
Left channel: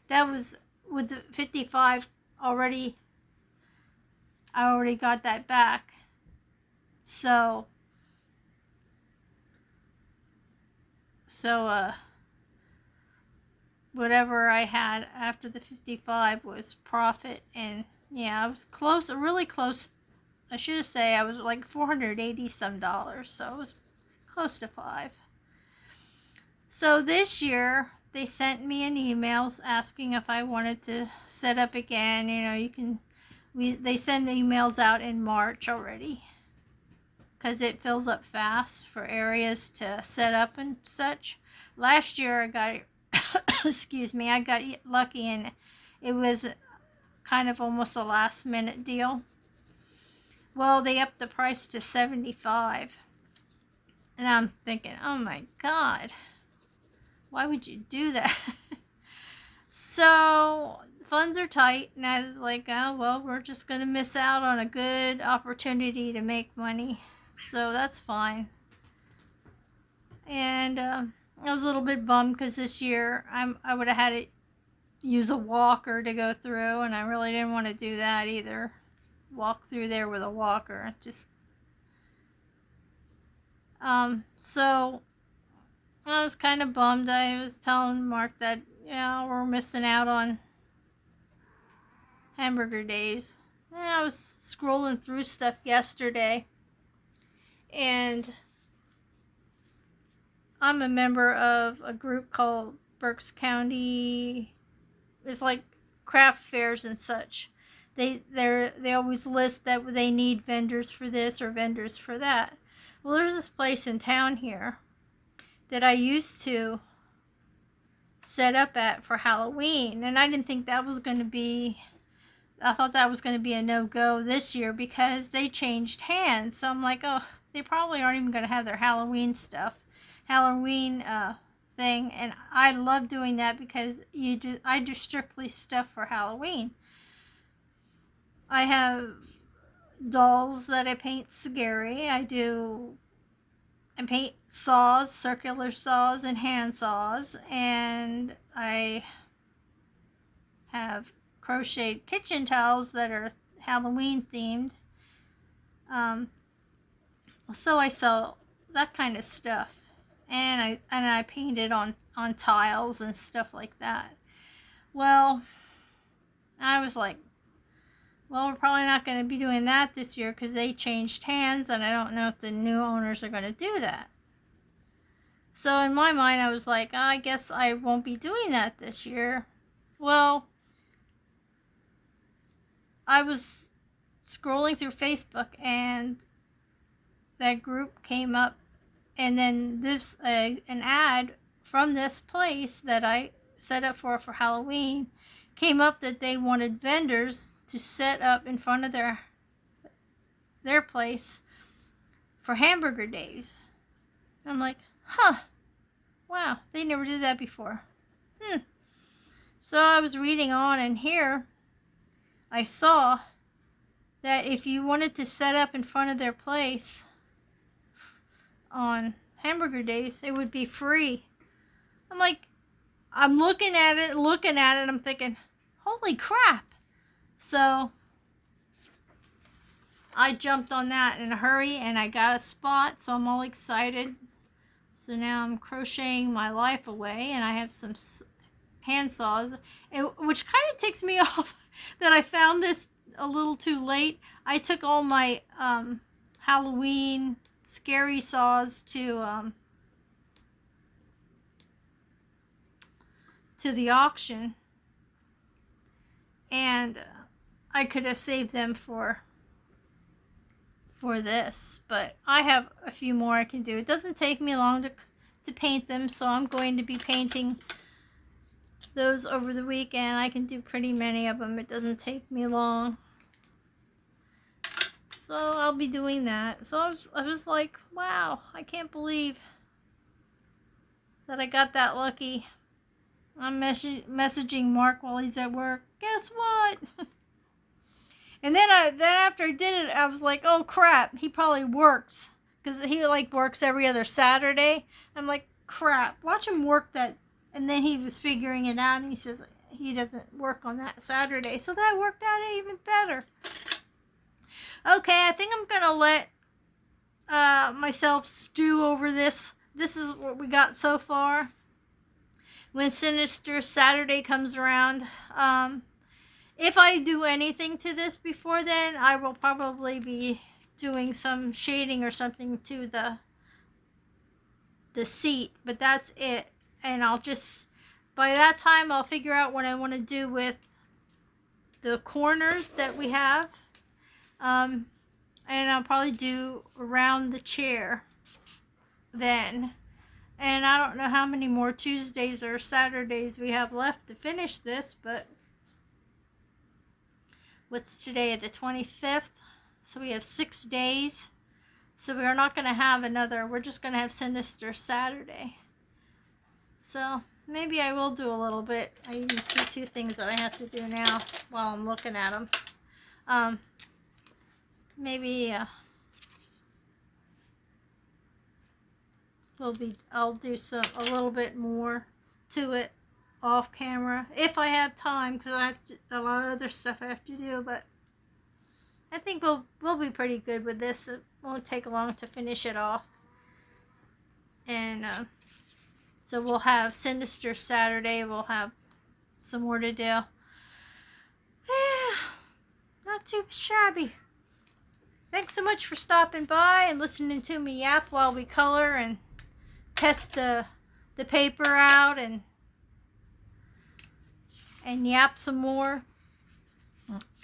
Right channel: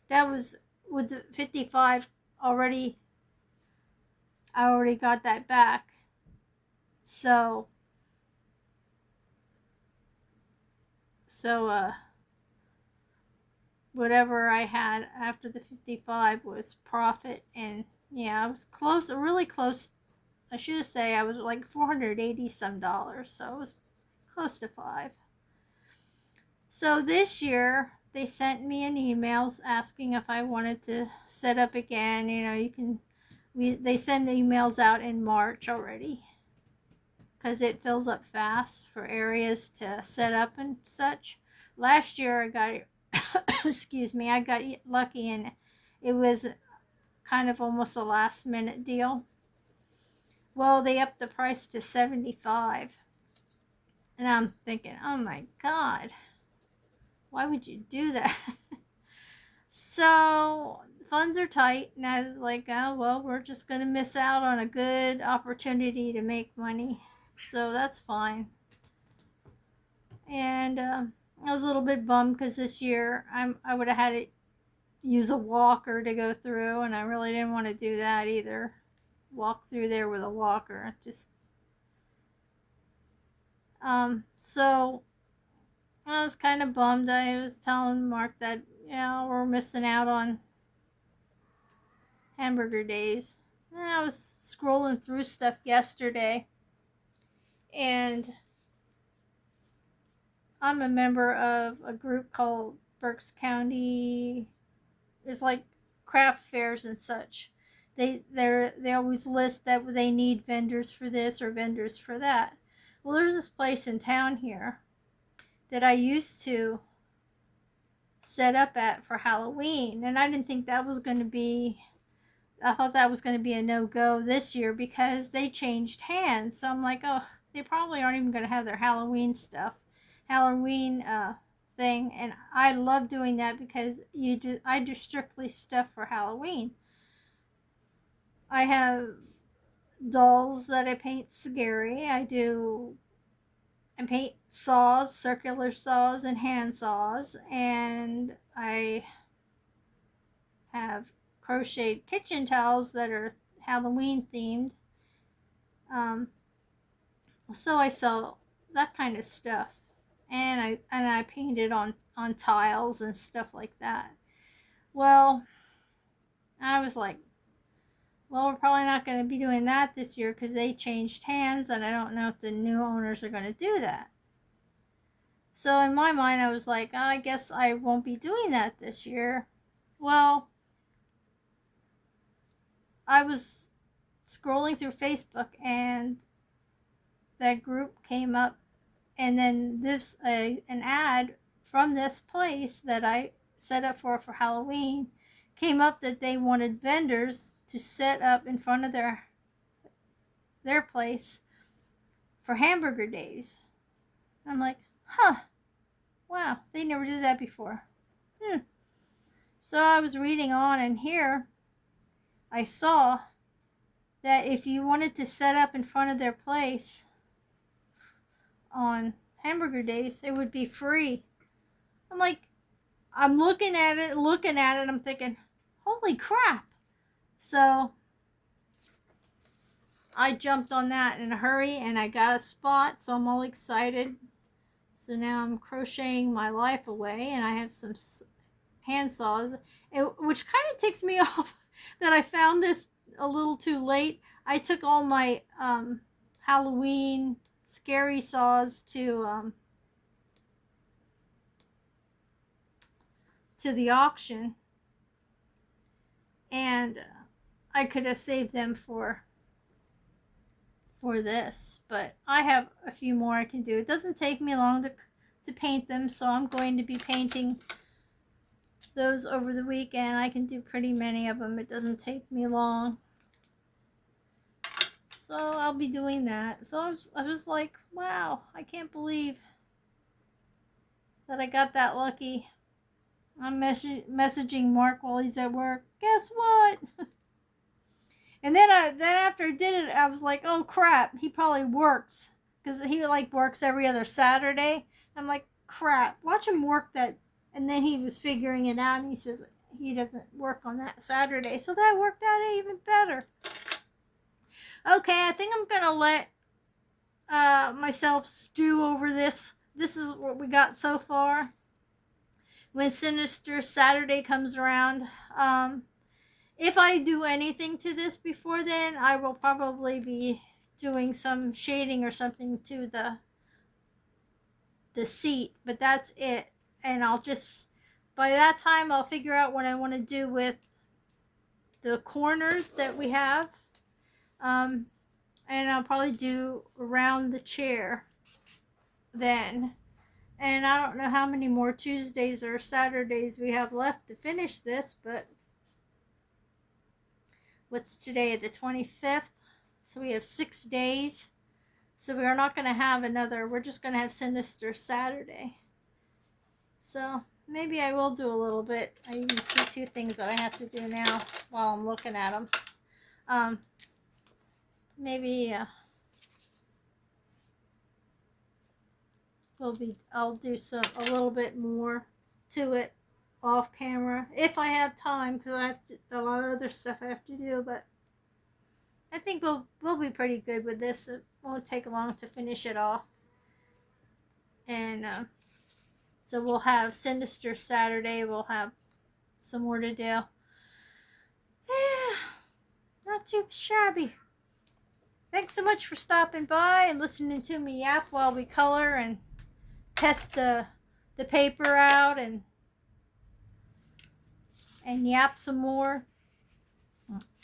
That was with the 55 already. I already got that back. So So, whatever I had after the 55 was profit. And yeah, I was close, really close. I should say I was like $480 some, so it was close to 5. So this year they sent me an email asking if I wanted to set up again. You know, you can, they send emails out in March already because it fills up fast for areas to set up and such. Last year I got excuse me, I got lucky and it was kind of almost a last minute deal. Well, they upped the price to $75. And I'm thinking, oh my God, why would you do that? So funds are tight, and I was like, oh, well, we're just going to miss out on a good opportunity to make money. So that's fine. And I was a little bit bummed because this year I would have had to use a walker to go through, and I really didn't want to do that either. Walk through there with a walker. Just so I was kind of bummed. I was telling Mark that, yeah, we're missing out on hamburger days. And I was scrolling through stuff yesterday, and I'm a member of a group called Berks County. It's like craft fairs and such. They always list that they need vendors for this or vendors for that. Well, there's this place in town here that I used to set up at for Halloween, and I didn't think that was going to be, I thought that was going to be a no-go this year because they changed hands. So I'm like, oh, they probably aren't even going to have their Halloween thing. And I love doing that because I do strictly stuff for Halloween. I have dolls that I paint scary. I paint saws, circular saws, and hand saws, and I have crocheted kitchen towels that are Halloween themed. So I sell that kind of stuff, and I paint it on tiles and stuff like that. Well, I was like, well, we're probably not going to be doing that this year because they changed hands, and I don't know if the new owners are going to do that. So in my mind, I was like, I guess I won't be doing that this year. Well, I was scrolling through Facebook, and that group came up, and then this an ad from this place that I set up for Halloween came up that they wanted vendors to set up in front of their place for hamburger days. I'm like, huh, wow, they never did that before. So I was reading on, and here I saw that if you wanted to set up in front of their place on hamburger days, it would be free. I'm like, I'm looking at it, I'm thinking, holy crap. So I jumped on that in a hurry, and I got a spot, so I'm all excited. So now I'm crocheting my life away, and I have some hand saws, which kind of ticks me off that I found this a little too late. I took all my Halloween scary saws to the auction, and I could have saved them for this, but I have a few more I can do. It doesn't take me long to paint them, so I'm going to be painting those over the weekend. I can do pretty many of them. It doesn't take me long. So I'll be doing that. So I was like, wow, I can't believe that I got that lucky. I'm messaging Mark while he's at work. Guess what? And then after I did it, I was like, oh crap, he probably works. Because he like works every other Saturday. I'm like, crap, watch him work that. And then he was figuring it out, and he says he doesn't work on that Saturday. So that worked out even better. Okay, I think I'm going to let myself stew over this this is what we got so far. When Sinister Saturday comes around, if I do anything to this before then, I will probably be doing some shading or something to the seat, but that's it. And I'll just, by that time, I'll figure out what I want to do with the corners that we have. And I'll probably do around the chair then. And I don't know how many more Tuesdays or Saturdays we have left to finish this, but what's today, the 25th? So we have 6 days. So we are not going to have another, we're just going to have Sinister Saturday. So maybe I will do a little bit. I even see 2 things that I have to do now while I'm looking at them. Maybe I'll do a little bit more to it off camera if I have time, because I have a lot of other stuff I have to do. But I think we'll be pretty good with this. It won't take long to finish it off. And so we'll have Sinister Saturday. We'll have some more to do. Yeah, not too shabby. Thanks so much for stopping by and listening to me yap while we color and test the paper out and yap some more.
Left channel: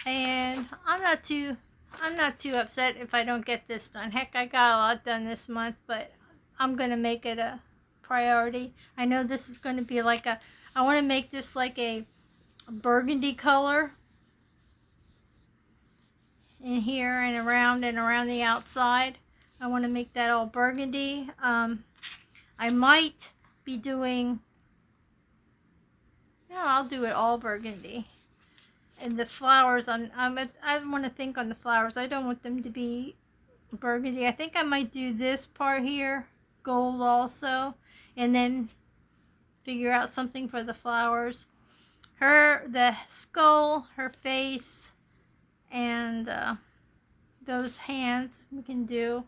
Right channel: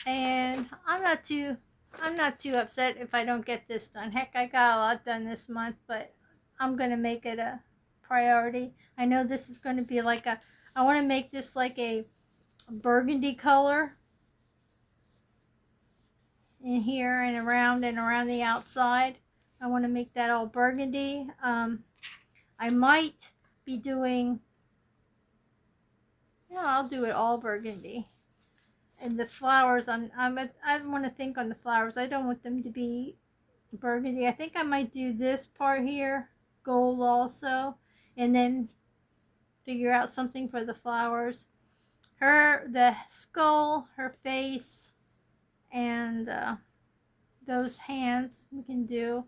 And I'm not too upset if I don't get this done. Heck, I got a lot done this month, but I'm gonna make it a priority. I know this is going to be like I want to make this like a burgundy color in here and around the outside. I want to make that all burgundy. I might be doing, no, I'll do it all burgundy. And the flowers, I want to think on the flowers. I don't want them to be burgundy. I think I might do this part here gold also, and then figure out something for the flowers. The skull, her face, and those hands we can do.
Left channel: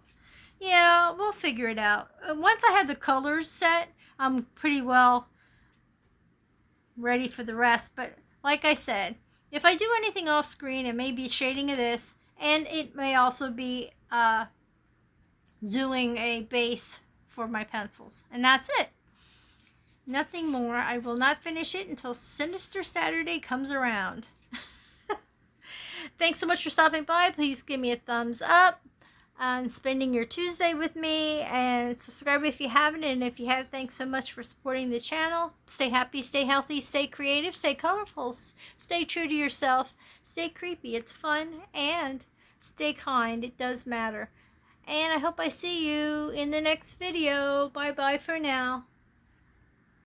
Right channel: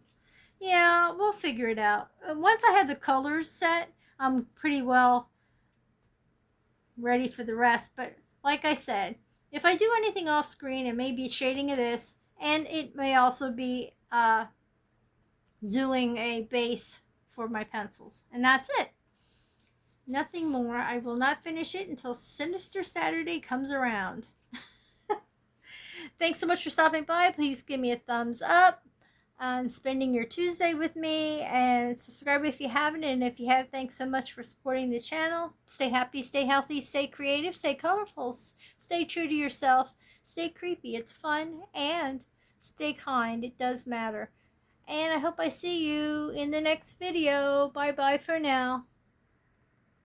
Yeah, we'll figure it out. Once I have the colors set, I'm pretty well ready for the rest. But like I said, if I do anything off screen, it may be shading of this, and it may also be doing a base for my pencils. And that's it. Nothing more. I will not finish it until Sinister Saturday comes around. Thanks so much for stopping by. Please give me a thumbs up and spending your Tuesday with me, and subscribe if you haven't, and if you have, thanks so much for supporting the channel. Stay happy, stay healthy, stay creative, stay colorful, stay true to yourself, stay creepy, it's fun, and stay kind, it does matter. And I hope I see you in the next video. Bye bye for now.